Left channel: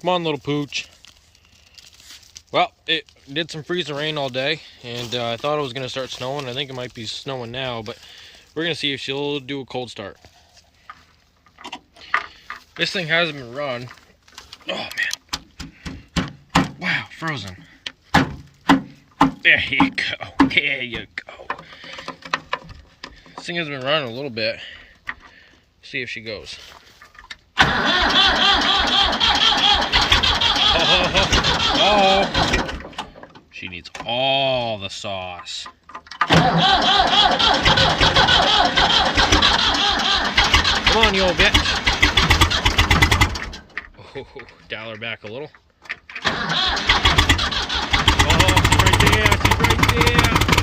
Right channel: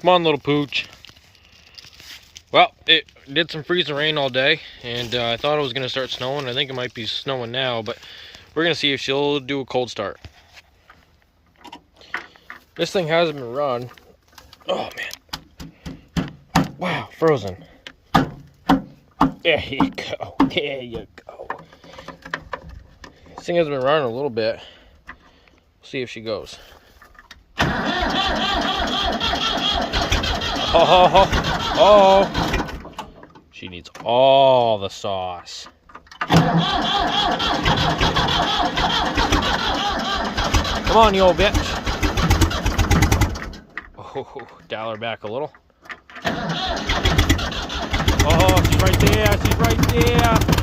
Come on, little pooch. Well, it did some freezing rain all day, and I thought it was going to start snowing. I think it might be snowing now, but we're going to see if she'll do a cold start. This thing hasn't been run. Oh, man. Wow, frozen. There you go. There you go. This thing has been running a little bit. See if she goes. Oh, she needs all the sauce. Come on, you old bitch. Oh, dial her back a little. Oh, she's right there. She's right there.